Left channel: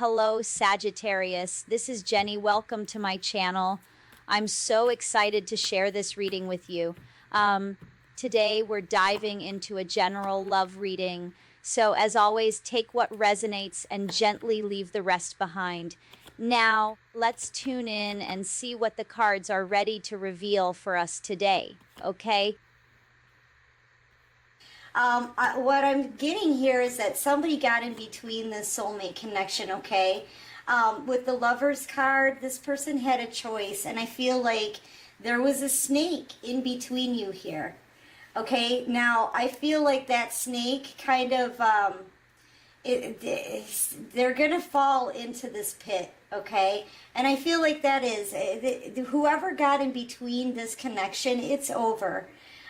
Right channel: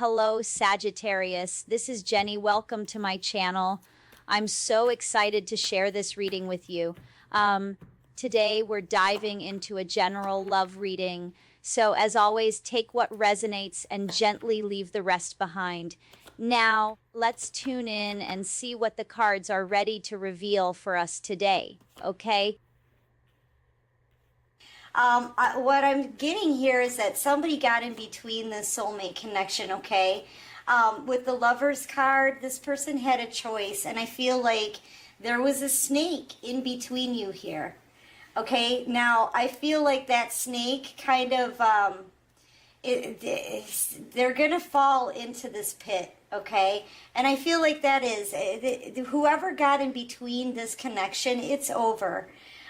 Hello, Sagittarius. This is Jenny. Welcome to my channel. I'm so excited to share this reading with you. Today, we're diving into a general love reading. So, as always, take what resonates and gently leave the rest behind. Now, let's tune in and see what the cards are ready to reveal for us today. Okay? What I'm getting here is that somebody got in between this soulmate connection, okay? With the Lover's card, this person had a choice, and I feel like there was a snake in between you here, okay? Now, I feel like that snake kind of, they're going to fall into this pit, okay? And I feel like that is, whoever got in between this connection, it's over.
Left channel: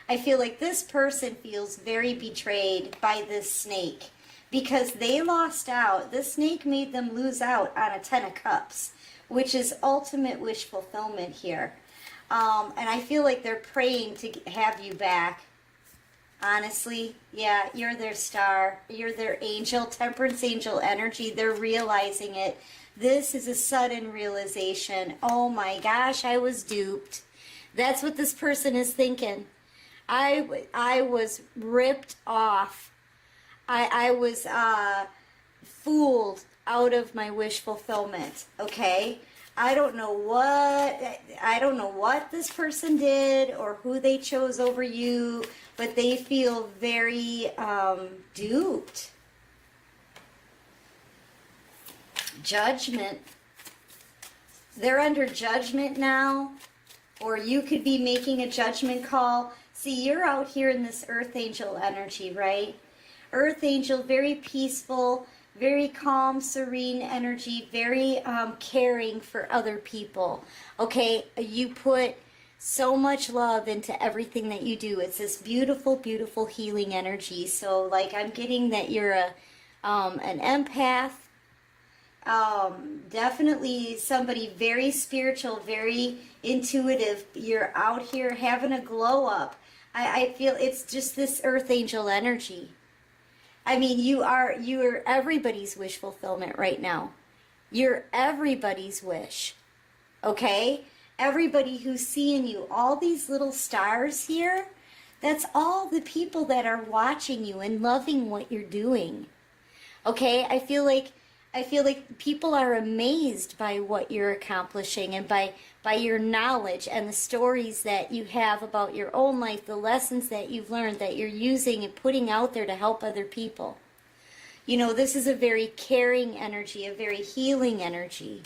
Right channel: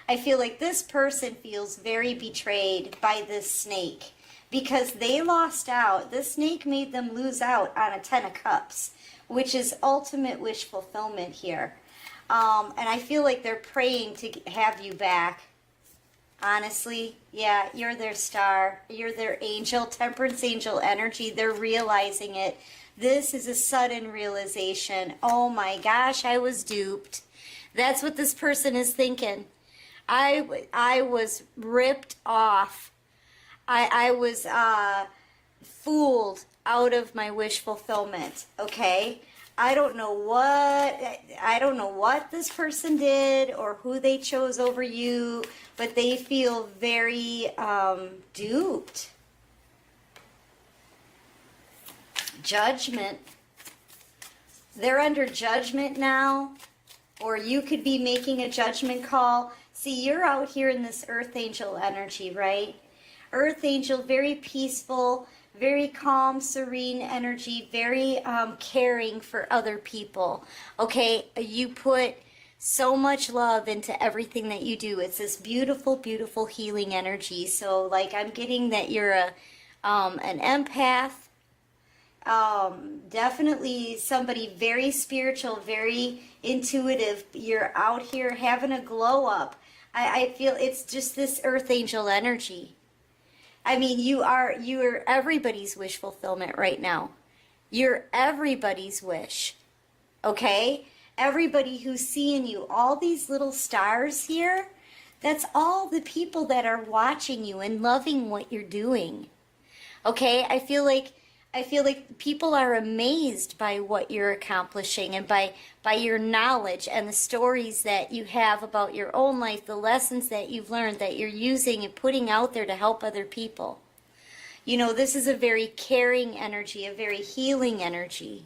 I feel like this person feels very betrayed by this snake because they lost out. This snake made them lose out on a 10 of Cups, which is ultimate wish fulfillment here. And I feel like they're praying to have you back. Honestly, yeah, you're their star. You're their angel, temperance angel energy. They're realizing it. This is a sudden realization. Oh my gosh, I was duped. That's what this person is thinking. I was ripped off. I was fooled out of my wish fulfillment, okay? I don't know what this person did or who they chose over you, but they feel very duped. Judgment. They're under judgment now, or you could be making a judgment call. See, you're out here in this Earth Angel energy, right? Earth Angel, very peaceful, very calm, serene energy, very caring for other people. Okay, you put so much love into everything that you do. It's this beautiful, beautiful healing energy. So, like, I'm getting that you're an empath. Definitely somebody very spiritual, very intuitive. You're out here having a glow up. I feel it's just this Earth Angel energy. I mean, you are everybody's wish fulfillment right now. You're everybody's wish. Okay? Everybody who's seeing you, all these little stars here, that's all the people that are watching you and loving what you're doing. Okay? I feel like people are amazed by what you're accomplishing and by your knowledge and the stories that you have about your own life, the lessons that you've learned that you're using and putting out there to help other people. You know, this is a very caring energy, a very healing energy.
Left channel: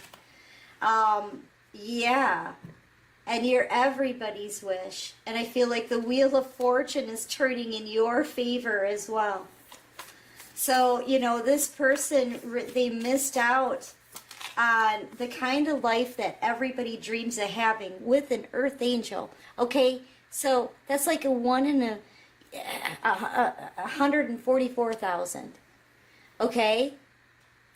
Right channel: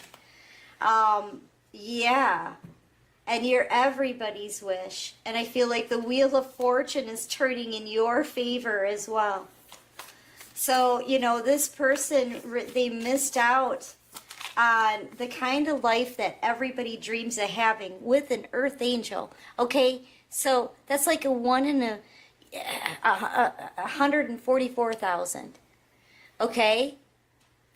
Yeah. And you're everybody's wish. And I feel like the Wheel of Fortune is turning in your favor as well. So, you know, this person, they missed out on the kind of life that everybody dreams of having with an Earth Angel. Okay, so that's like a 1 in 144,000. Okay,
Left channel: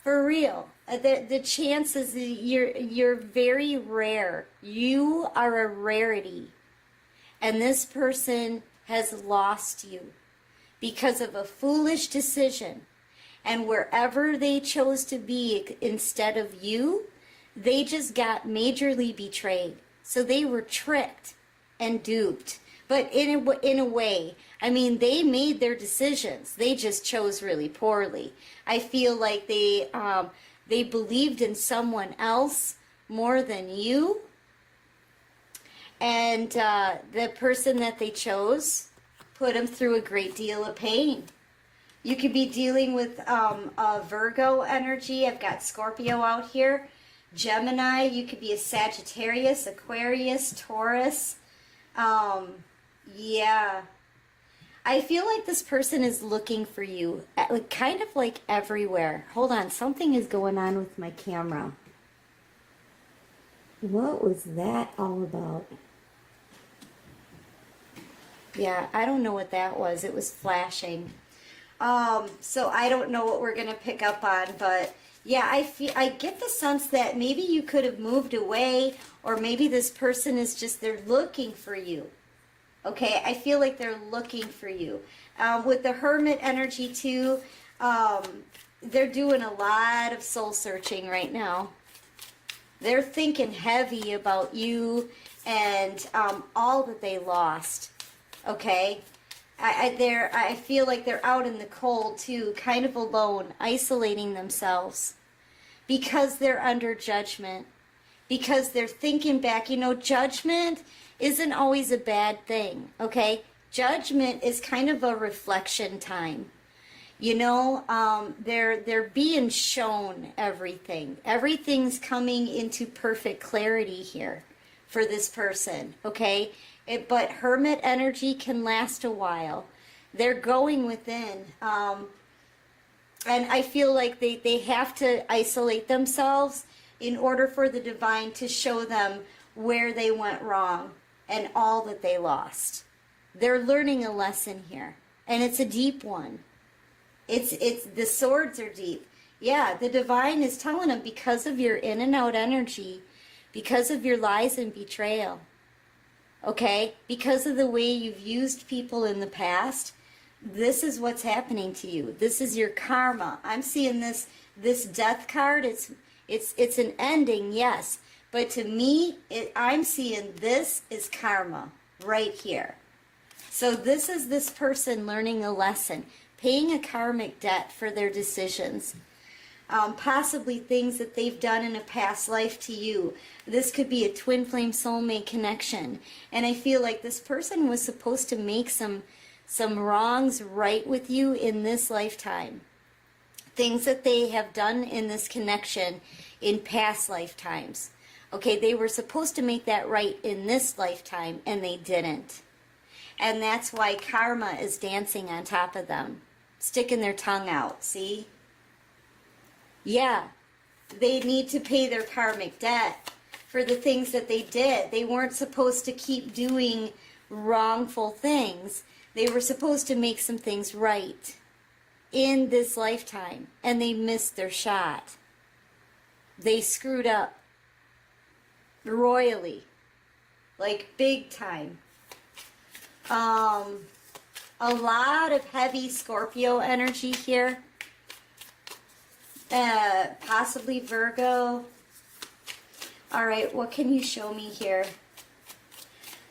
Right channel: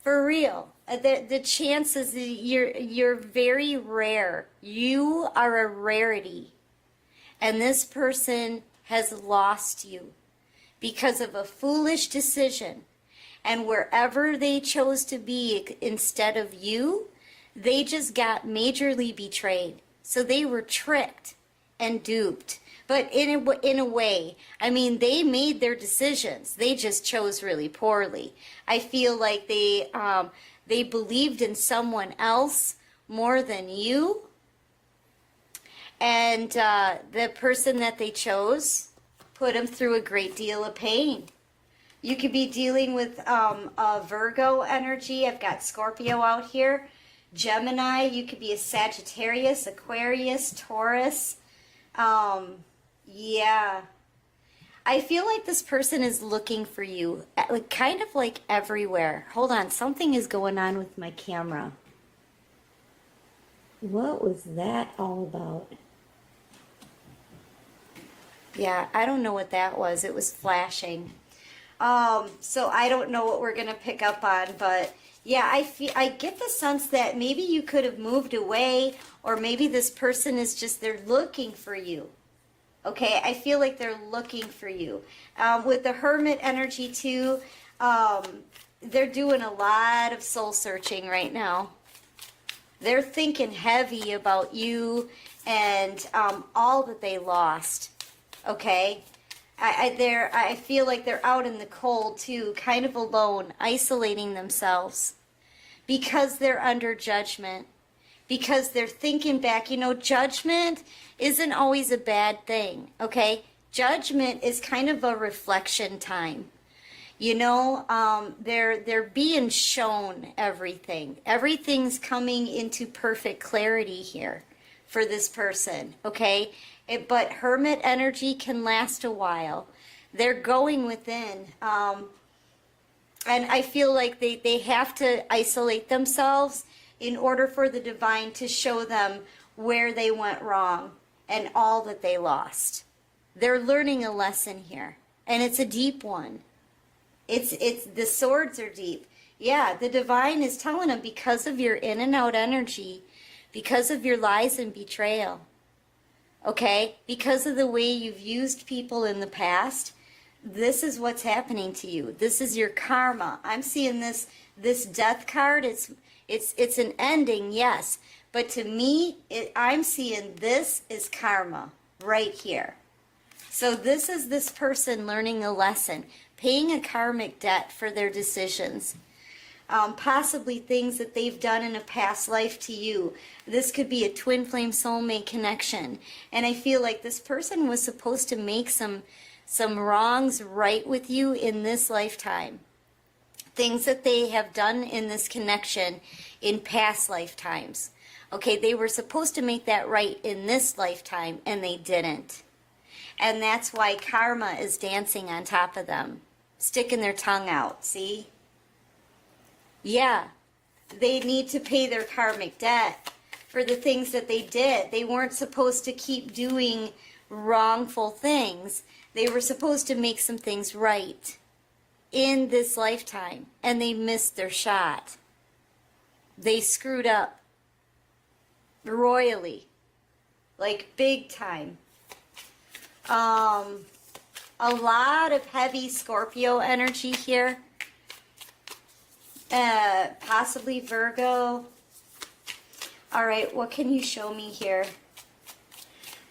for real. The chances, you're very rare. You are a rarity, and this person has lost you because of a foolish decision. And wherever they chose to be instead of you, they just got majorly betrayed. So they were tricked and duped. But in a way, I mean, they made their decisions. They just chose really poorly. I feel like they believed in someone else more than you. And the person that they chose put them through a great deal of pain. You could be dealing with a Virgo energy. I've got Scorpio out here. Gemini. You could be a Sagittarius, Aquarius, Taurus. Yeah. I feel like this person is looking for you, kind of like everywhere. Hold on. Something is going on with my camera. What was that all about? Yeah, I don't know what that was. It was flashing. So I don't know what we're going to pick up on, but yeah, I get the sense that maybe you could have moved away, or maybe this person is just, they're looking for you. Okay, I feel like they're looking for you. With the Hermit energy too, they're doing a lot of soul searching right now. They're thinking heavy about you and all that they lost. Okay? I feel like they're out in the cold too, kind of alone, isolating themselves because they're under judgment. Because they're thinking back, you know, judgment isn't always a bad thing, okay? Judgment is kind of a reflection time. You know, they're being shown everything. Everything's coming into perfect clarity here for this person, okay? But hermit energy can last a while. They're going within. And I feel like they have to isolate themselves in order for the divine to show them where they went wrong and all that they lost. They're learning a lesson here, and it's a deep one. It's the swords are deep. Yeah, the divine is telling them because of your in and out energy, because of your lies and betrayal, okay? Because of the way you've used people in the past, this is what's happening to you. This is your karma. I'm seeing this death card. It's an ending, yes. But to me, I'm seeing this is karma right here. So this is this person learning a lesson, paying a karmic debt for their decisions. Possibly things that they've done in a past life to you. This could be a twin flame soulmate connection. And I feel like this person was supposed to make some wrongs right with you in this lifetime. Things that they have done in this connection in past lifetimes. Okay, they were supposed to make that right in this lifetime, and they didn't. And that's why karma is dancing on top of them, sticking their tongue out, see? Yeah, they need to pay their karmic debt for the things that they did. They weren't supposed to keep doing wrongful things. They were supposed to make some things right in this lifetime, and they missed their shot. They screwed up royally, like big time. A lot of heavy Scorpio energy here, possibly Virgo. All right, what can you show me here?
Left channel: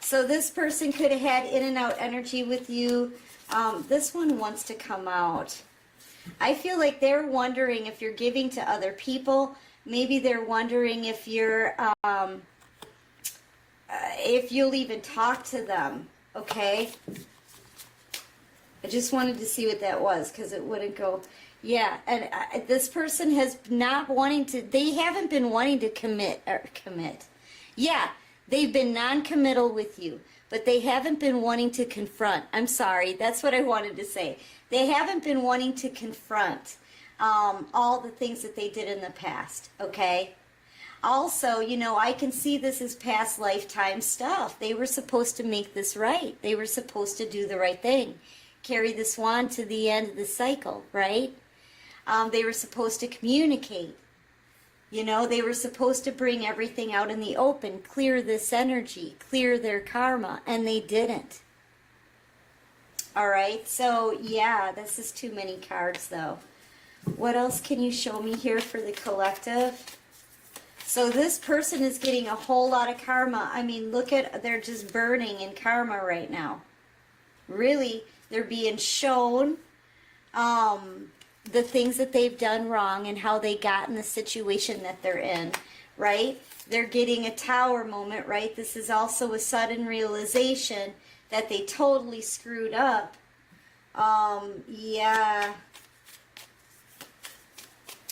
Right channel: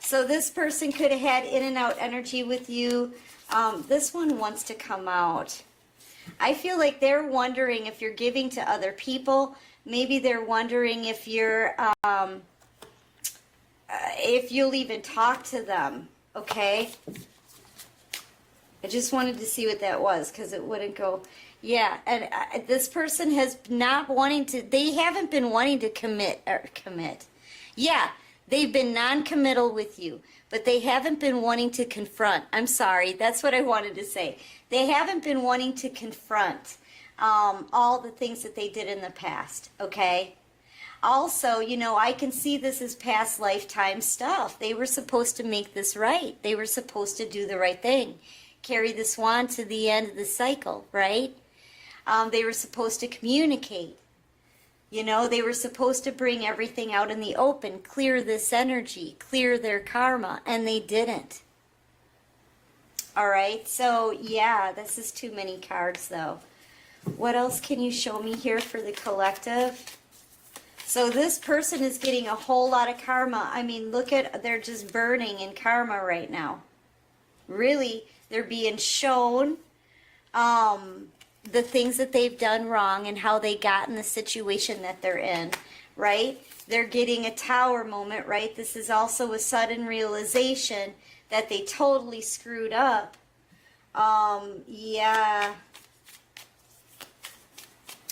So this person could have had in and out energy with you. This one wants to come out. I feel like they're wondering if you're giving to other people. Maybe they're wondering if you're, if you'll even talk to them, okay? I just wanted to see what that was because it wouldn't go. Yeah, and this person has not wanting to, they haven't been wanting to commit. Yeah, they've been non-committal with you, but they haven't been wanting to confront. I'm sorry, that's what I wanted to say. They haven't been wanting to confront all the things that they did in the past, okay? Also, you know, I can see this as past lifetime stuff. They were supposed to make this right. They were supposed to do the right thing. Carry the swan to the end of the cycle, right? They were supposed to communicate. You know, they were supposed to bring everything out in the open, clear this energy, clear their karma, and they didn't. All right, so yeah, this is too many cards though. What else can you show me here for the collective? So this person is getting a whole lot of karma. I mean, look at, they're just burning in karma right now. Really, they're being shown the things that they've done wrong and how they got in the situation that they're in, right? They're getting a tower moment, right? This is also a sudden realization that they totally screwed up. Yeah.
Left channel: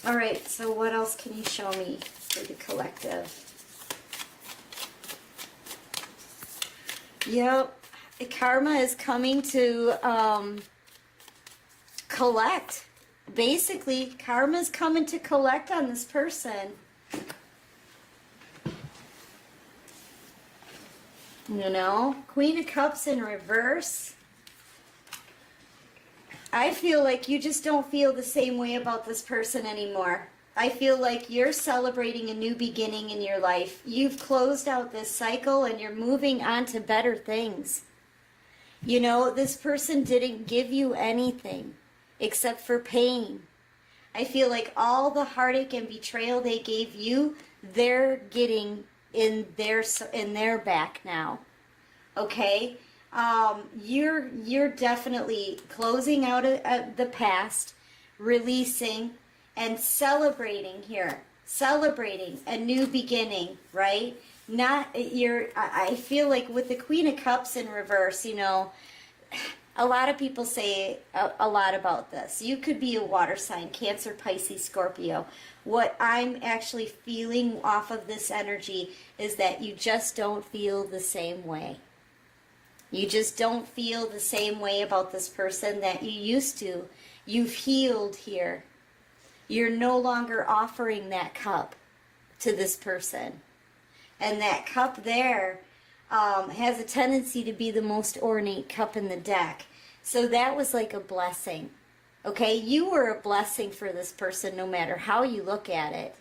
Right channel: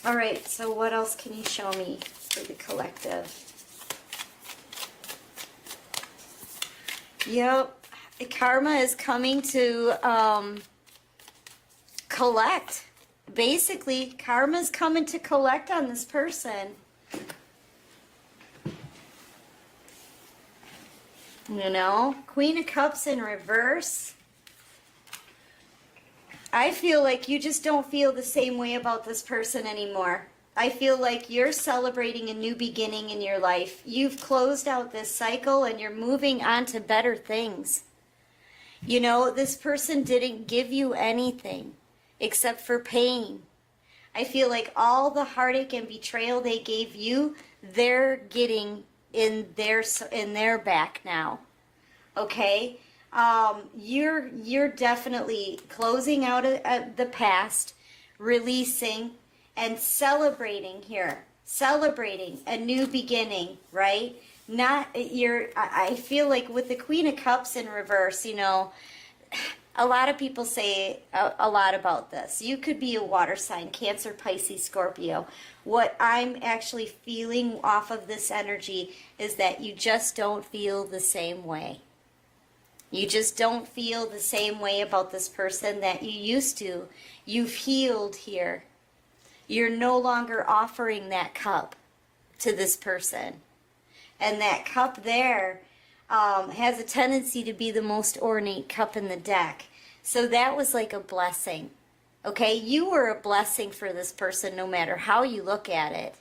All right, so what else can you show me for the collective? Yep, the karma is coming to collect. Basically, karma's coming to collect on this person. You know, Queen of Cups in reverse. I feel like you just don't feel the same way about this person anymore. I feel like you're celebrating a new beginning in your life. You've closed out this cycle and you're moving on to better things. You know, this person didn't give you anything except for pain. I feel like all the heartache and betrayal they gave you, they're getting in their back now. Okay? You're definitely closing out the past, releasing, and celebrating here. Celebrating a new beginning, right? I feel like with the Queen of Cups in reverse, you know, a lot of people say a lot about this. You could be a water sign, Cancer, Pisces, Scorpio. What I'm actually feeling off of this energy is that you just don't feel the same way. You just don't feel the same way about this person that you used to. You've healed here. You're no longer offering that cup to this person. And that cup there has a tendency to be the most ornate cup in the deck. So that was like a blessing. Okay? You were a blessing for this person no matter how you look at it.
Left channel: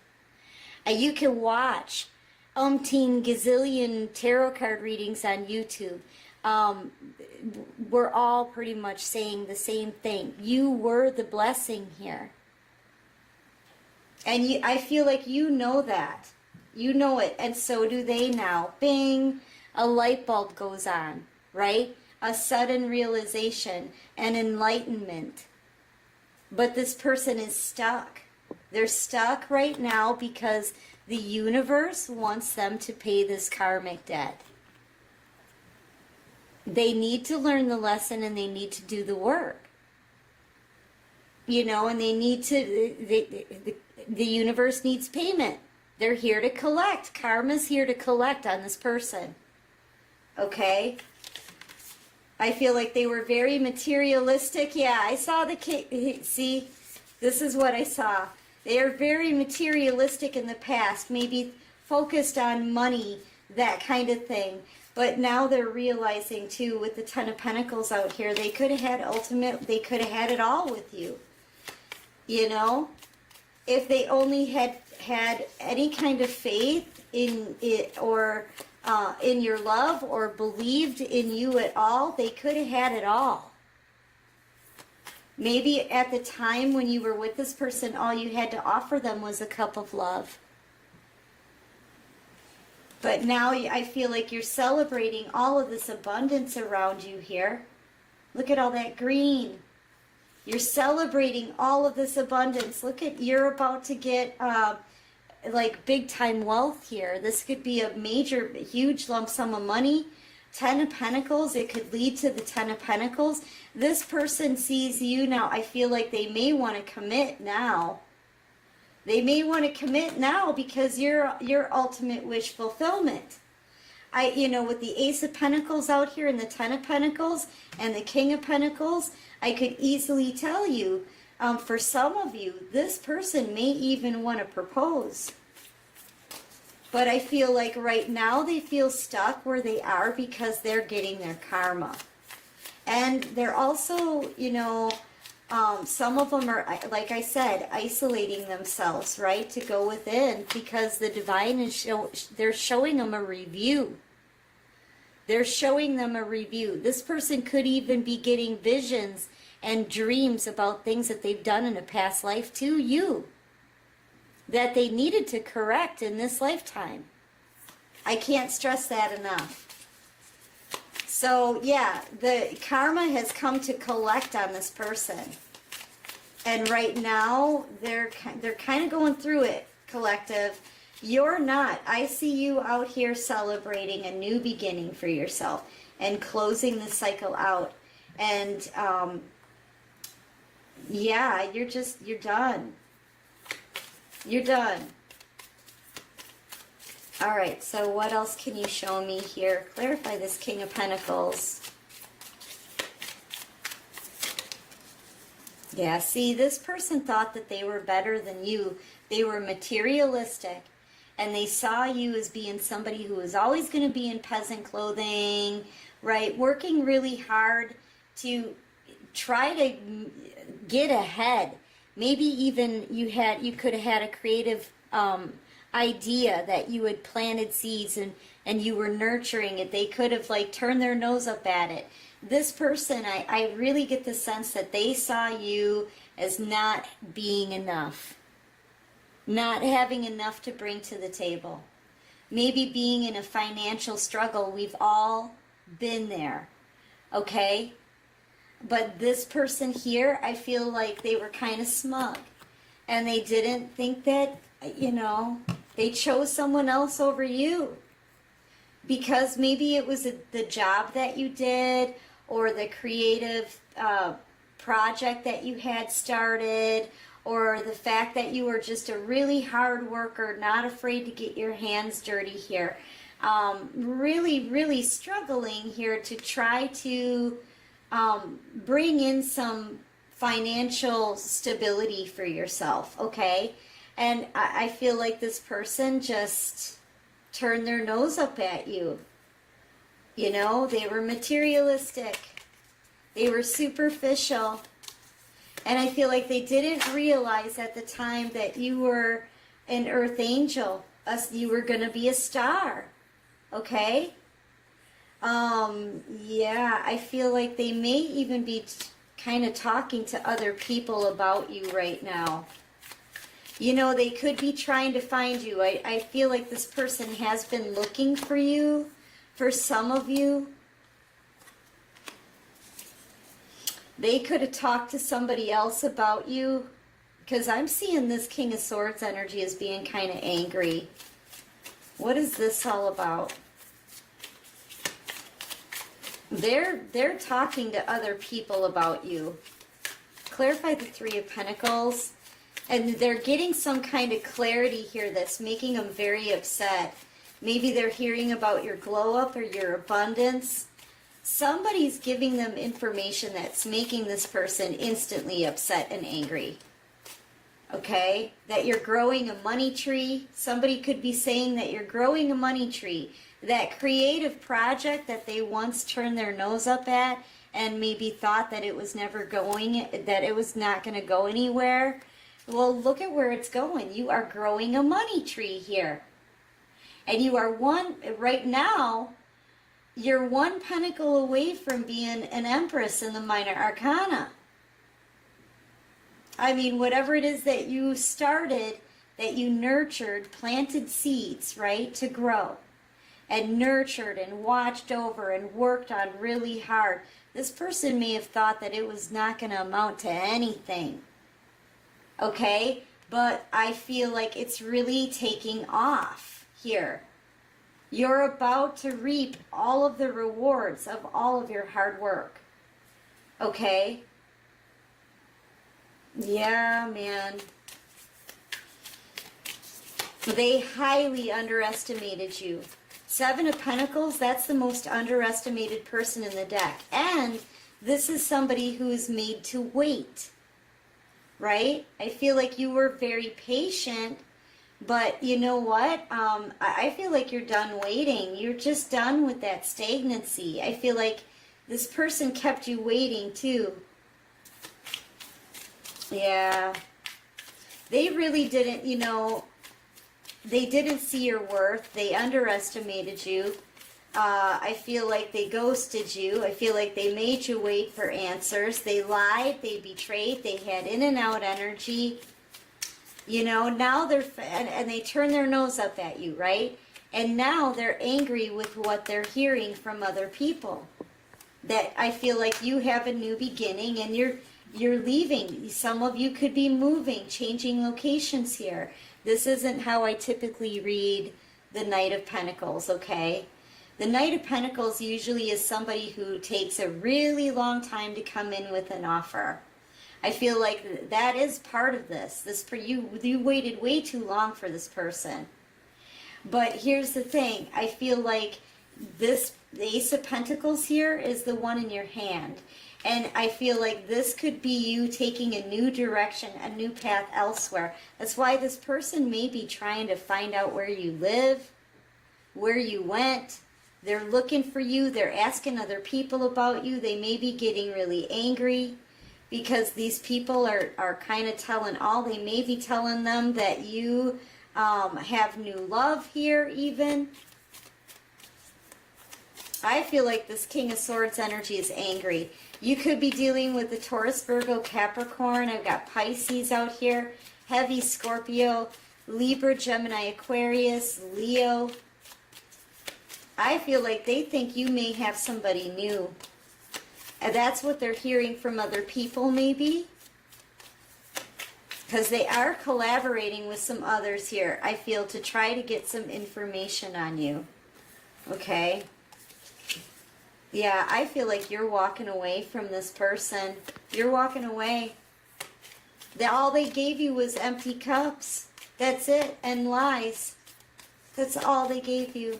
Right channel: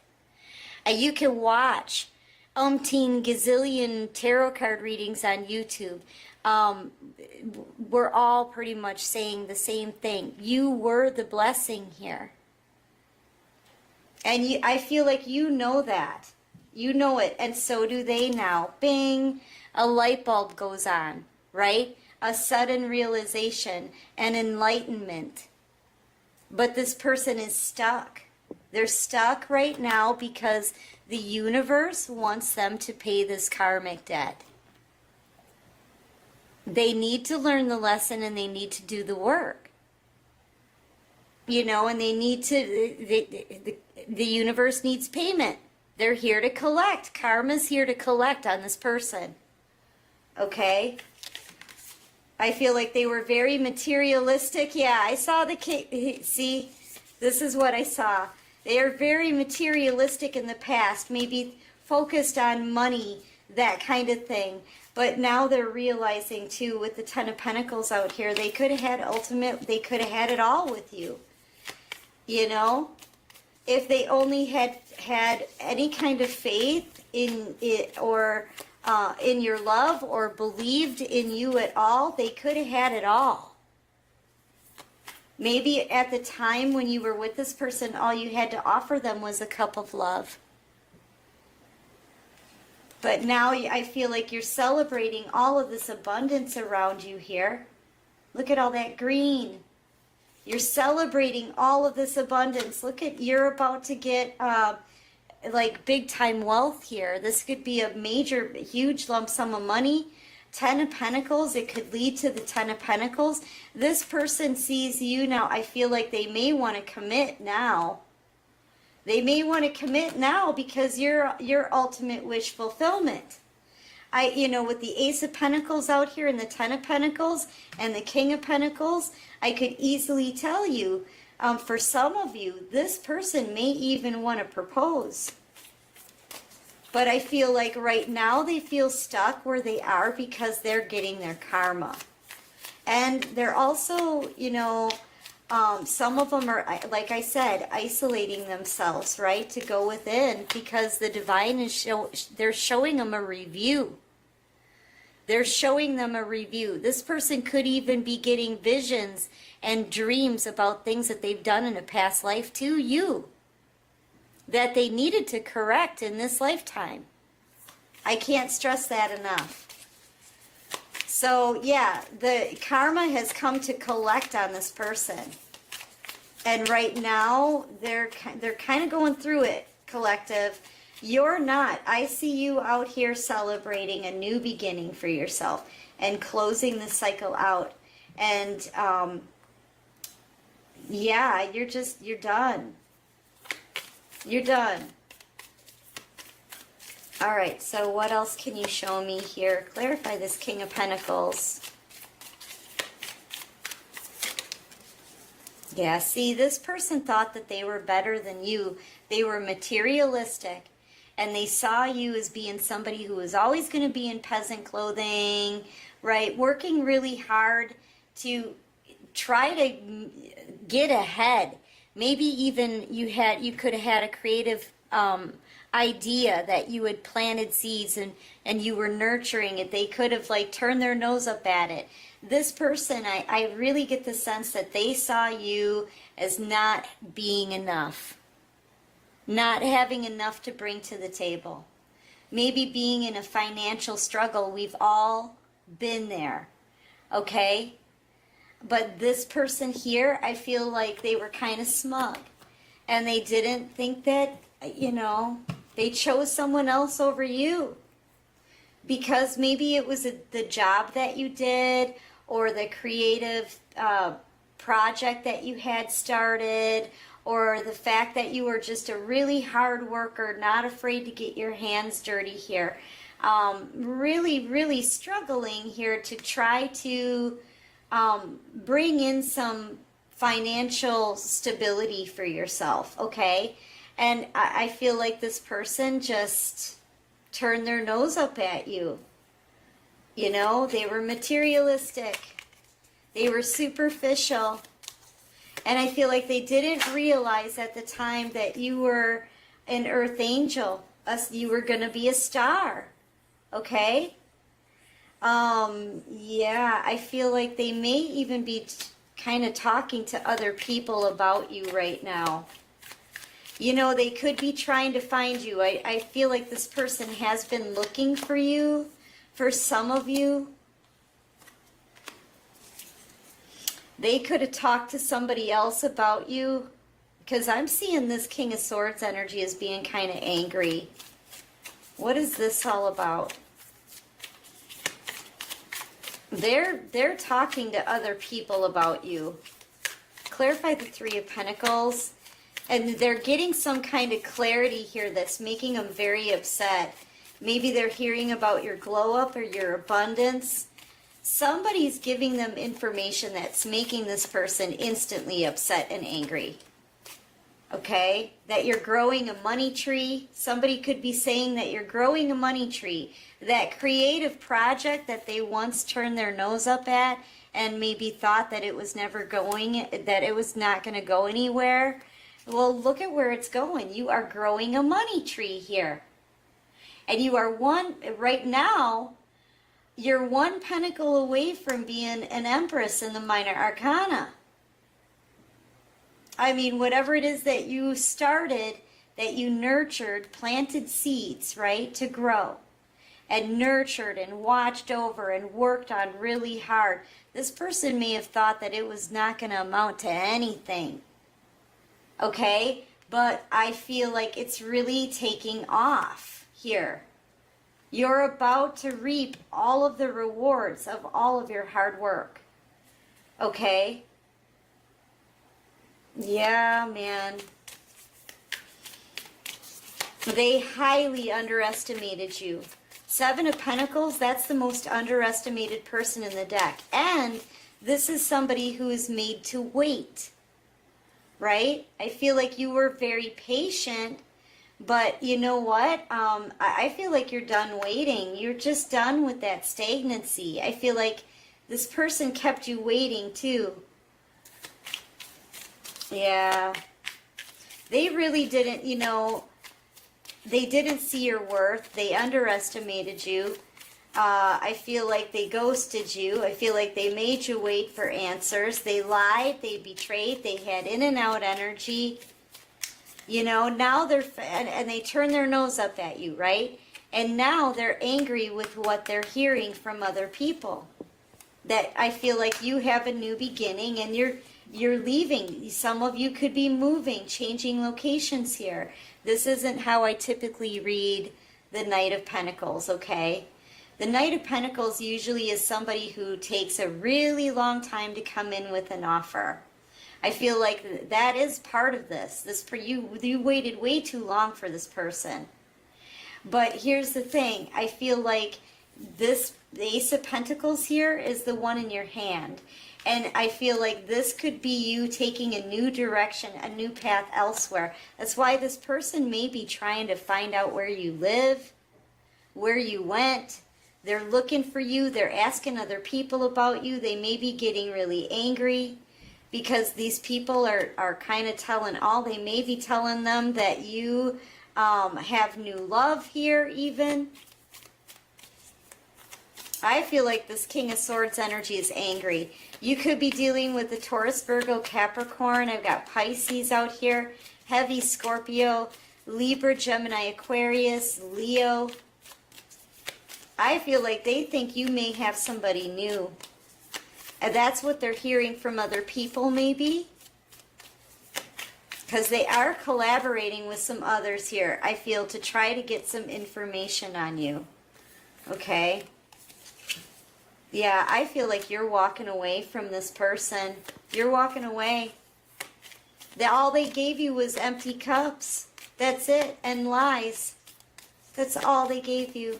And you can watch umpteen gazillion tarot card readings on YouTube. We're all pretty much saying the same thing. You were the blessing here. And I feel like you know that. You know it. And so do they now. Bing! A light bulb goes on, right? A sudden realization and enlightenment. But this person is stuck. They're stuck right now because the universe wants them to pay this karmic debt. They need to learn the lesson and they need to do the work. You know, and they need to, the universe needs payment. They're here to collect. Karma's here to collect on this person. Okay? I feel like they were very materialistic. Yeah, I saw the cake. See, this is what I saw. They are very materialistic in the past, maybe focused on money, that kind of thing. But now they're realizing too, with the Ten of Pentacles out here, they could have had they could have had it all with you. You know? If they only had any kind of faith in it or in your love or believed in you at all, they could have had it all. Maybe at the time when you were with this person, all you had to offer them was a cup of love. But now I feel like you're celebrating all of this abundance around you here. Look at all that green. You're celebrating all of this abundance. Look at, you're about to get like big time wealth here. This could be a major, huge lump sum of money. 10 of Pentacles, it could lead to the 10 of Pentacles. This person sees you now. I feel like they may want to commit now. They may want to commit now because your ultimate wish fulfillment. You know, with the Ace of Pentacles out here and the 10 of Pentacles and the King of Pentacles, I could easily tell you, for some of you, this person may even want to propose. But I feel like right now they feel stuck where they are because they're getting their karma. And they're also, you know, some of them are, like I said, isolating themselves, right, to go within because the divine is they're showing them a review. They're showing them a review. This person could even be getting visions and dreams about things that they've done in a past life to you that they needed to correct in this lifetime. I can't stress that enough. So, yeah, the karma has come to collect on this person. And right now, they're kind of going through it, collective. You're not. I see you out here celebrating a new beginning for yourself and closing the cycle out. And, yeah, you're done. You're done. All right, so what else can you show me here? Clarify this King of Pentacles. Yeah, see, this person thought that they were better than you. They were materialistic, and they saw you as being somebody who was always going to be in peasant clothing, right? Working really hard to try to get ahead. Maybe even you could have had a creative idea that you had planted seeds and you were nurturing it. They could have like turned their nose up at it. This person, I really get the sense that they saw you as not being enough, not having enough to bring to the table. Maybe being in a financial struggle. We've all been there, okay? But this person here, I feel like they were kind of smug. And they didn't think that, they chose someone else over you. Because maybe it was the job that you did, or the creative project that you had started, or the fact that you were just a really hard worker, not afraid to get your hands dirty here. Really, really struggling here to try to bring in some financial stability for yourself, okay? And I feel like this person just turned their nose up at you. They were materialistic. They were superficial. And I feel like they didn't realize at the time that you were an earth angel. You were going to be a star. Okay? Yeah, I feel like they may even be kind of talking to other people about you right now. They could be trying to find you. I feel like this person has been looking for you, for some of you. They could have talked to somebody else about you, because I'm seeing this King of Swords energy as being kind of angry. What is this all about? They're talking to other people about you. Clarify the Three of Pentacles. And they're getting some kind of clarity here that's making them very upset. Maybe they're hearing about your glow up or your abundance. Somebody's giving them information that's making this person instantly upset and angry. Okay? That you're growing a money tree. Somebody could be saying that you're growing a money tree. That creative project that they once turned their nose up at and maybe thought that it was never going, that it was not going to go anywhere. Well, look at where it's going. You are growing a money tree here. And you are right now, you're one pentacle away from being an empress in the minor arcana. I mean, whatever it is that you started, that you nurtured, planted seeds, right, to grow. And nurtured and watched over and worked on really hard. This person may have thought that it was not going to amount to anything. Okay? But I feel like it's really taking off here. You're about to reap all of the rewards of all of your hard work. Okay? Yeah, man. They highly underestimated you. Seven of Pentacles, that's the most underestimated person in the deck. And this is somebody who is made to wait. Right? I feel like you were very patient, but you know what? I feel like you're done waiting. You're just done with that stagnancy. I feel like this person kept you waiting too. Yeah. They really didn't, they didn't see your worth. They underestimated you. I feel like they ghosted you. I feel like they made you wait for answers. They lied. They betrayed. They had in and out energy. Now they're, and they turn their nose up at you, right? And now they're angry with what they're hearing from other people. That I feel like you have a new beginning and you're leaving. Some of you could be moving, changing locations here. This isn't how I typically read the Knight of Pentacles, okay? The Knight of Pentacles usually is somebody who takes a really long time to come in with an offer. I feel like that is part of this. You waited way too long for this person. But here's the thing. I feel like the Ace of Pentacles here is the one in your hand. And I feel like this could be you taking a new direction, a new path elsewhere. That's why this person may be trying to find out where you live, where you went. They're looking for you. They're asking other people about you. They may be getting really angry because these people are kind of they may be telling them that you have new love here even. I feel like this King of Swords energy is angry. You could be dealing with the Taurus, Virgo, Capricorn. I've got Pisces out here. Heavy Scorpio, Libra, Gemini, Aquarius, Leo. I feel like they think you may have somebody new. And that's what they're hearing from other people, maybe. Because they are collaborating with some others here, I feel, to try to get some information on you. Okay? Yeah, I feel like you're walking away from this person. You're walking away. All they gave you was empty cups. That's it. And lies. That's all they gave you.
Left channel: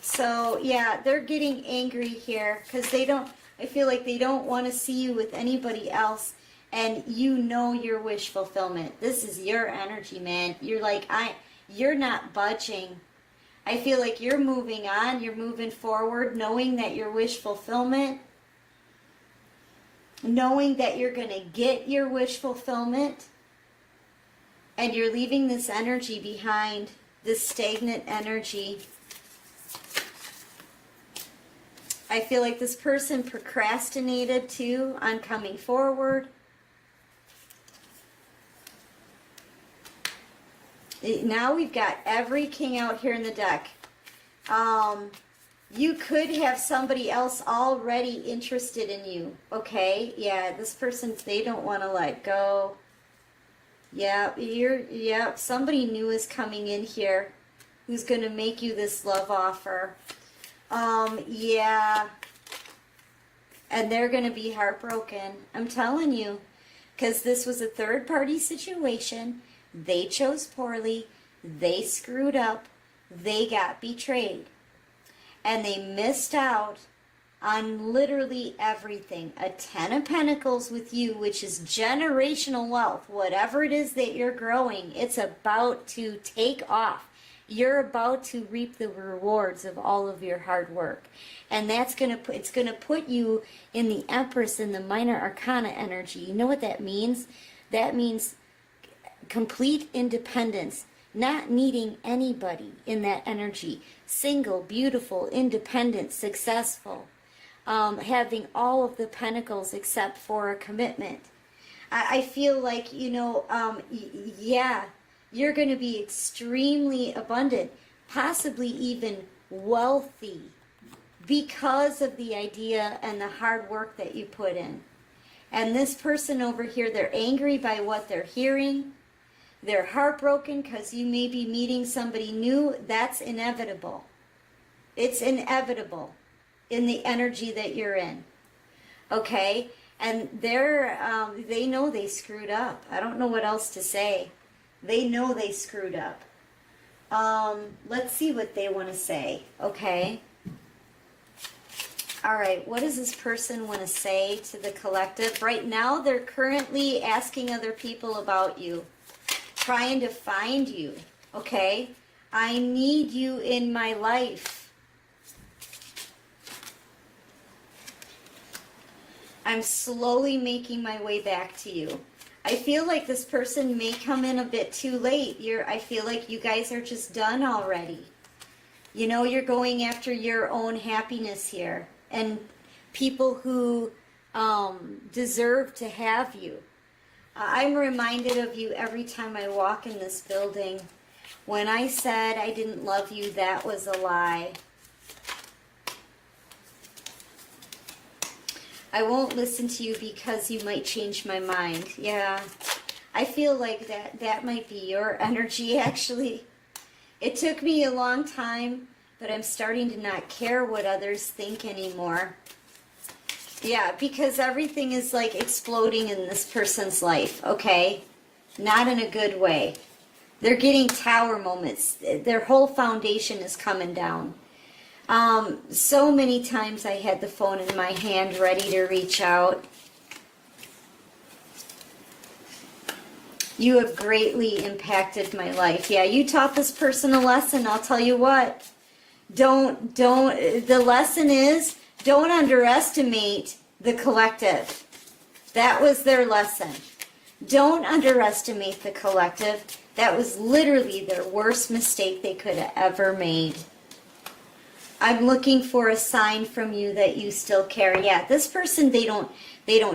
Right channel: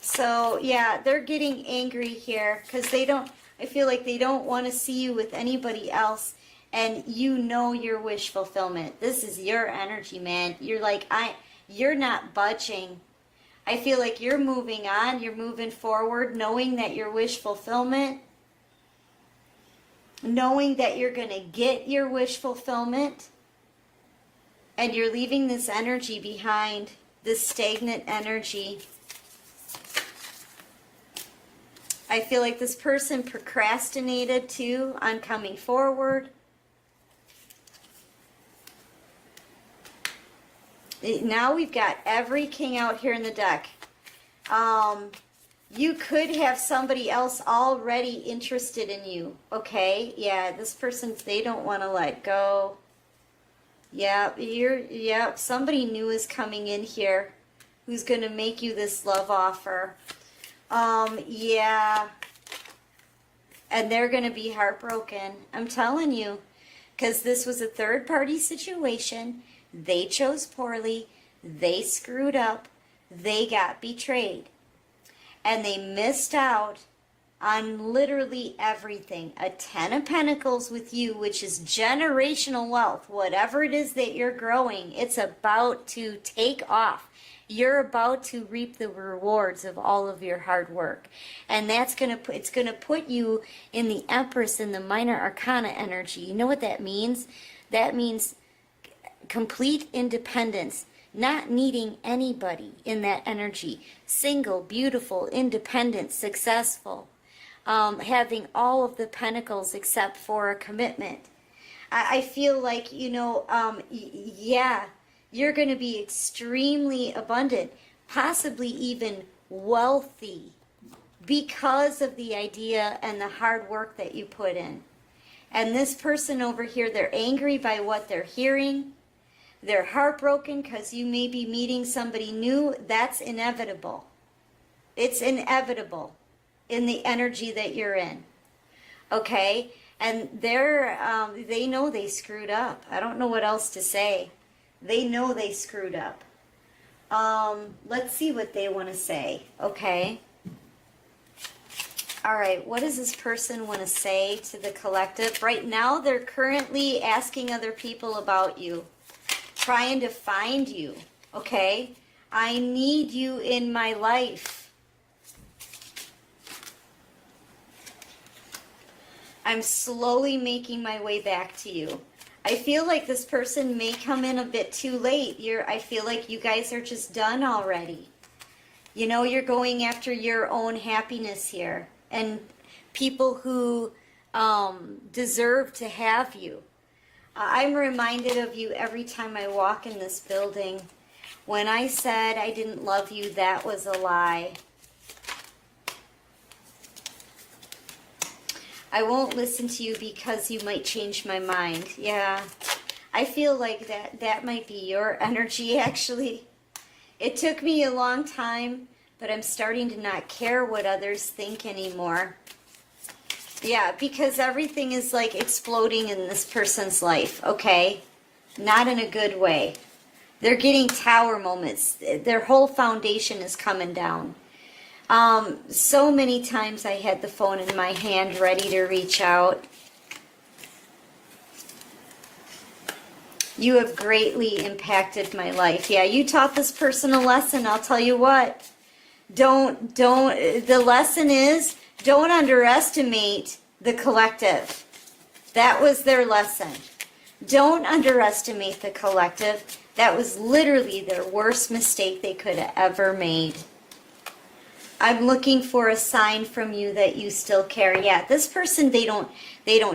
So, yeah, they're getting angry here because I feel like they don't want to see you with anybody else. And you know your wish fulfillment. This is your energy, man. You're like, you're not budging. I feel like you're moving on. You're moving forward, knowing that your wish fulfillment, knowing that you're going to get your wish fulfillment, and you're leaving this energy behind, this stagnant energy. I feel like this person procrastinated too on coming forward. Now we've got every king out here in the deck. You could have somebody else already interested in you, okay? Yeah, this person, they don't want to let go. Yeah, somebody new is coming in here who's going to make you this love offer. Yeah. And they're going to be heartbroken. I'm telling you. Because this was a third-party situation. They chose poorly. They screwed up. They got betrayed. And they missed out on literally everything. A 10 of Pentacles with you, which is generational wealth. Whatever it is that you're growing, it's about to take off. You're about to reap the rewards of all of your hard work. And it's going to put you in the Empress and the Minor Arcana energy. You know what that means? That means complete independence, not needing anybody in that energy. Single, beautiful, independent, successful, having all of the pentacles except for a commitment. I feel like, yeah, you're going to be extremely abundant, possibly even wealthy, because of the idea and the hard work that you put in. And this person over here, they're angry by what they're hearing. They're heartbroken because you may be meeting somebody new. That's inevitable. It's inevitable in the energy that you're in. Okay? And they know they screwed up. I don't know what else to say. They know they screwed up. Let's see what they want to say. Okay? All right, what does this person want to say to the collective? Right now, they're currently asking other people about you, trying to find you, okay? I need you in my life. I'm slowly making my way back to you. I feel like this person may come in a bit too late. I feel like you guys are just done already. You know, you're going after your own happiness here. And people who deserve to have you. I'm reminded of you every time I walk in this building. When I said I didn't love you, that was a lie. I won't listen to you because you might change my mind. Yeah, I feel like that might be your energy, actually. It took me a long time, but I'm starting to not care what others think anymore. Yeah, because everything is like exploding in this person's life, okay? Not in a good way. They're getting tower moments. Their whole foundation is coming down. So many times I had the phone in my hand ready to reach out. You have greatly impacted my life. Yeah, you taught this person a lesson, I'll tell you what. The lesson is, don't underestimate the collective. That was their lesson. Don't underestimate the collective. That was literally their worst mistake they could have ever made. I'm looking for a sign from you that you still care. Yeah, this person, they don't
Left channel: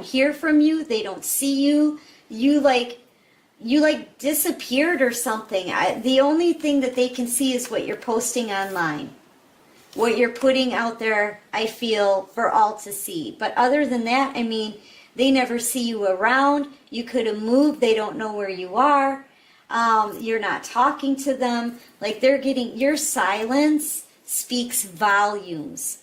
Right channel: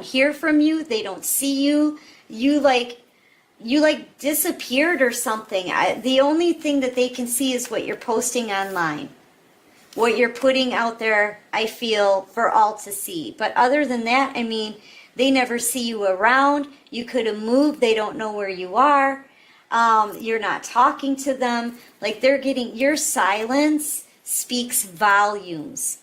hear from you, they don't see you. You like disappeared or something. The only thing that they can see is what you're posting online. What you're putting out there, I feel, for all to see. But other than that, I mean, they never see you around. You could have moved. They don't know where you are. You're not talking to them. Like, they're getting, your silence speaks volumes.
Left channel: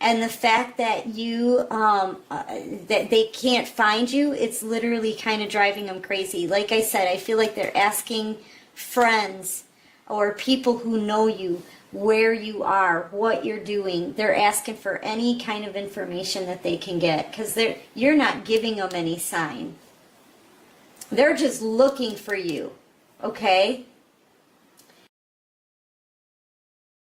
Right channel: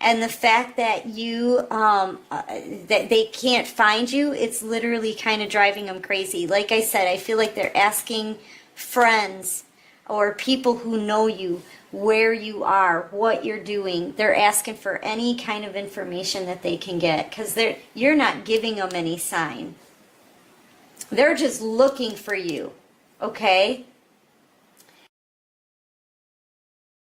And the fact that you, that they can't find you, it's literally kind of driving them crazy. Like I said, I feel like they're asking friends or people who know you where you are, what you're doing. They're asking for any kind of information that they can get because you're not giving them any sign. They're just looking for you, okay?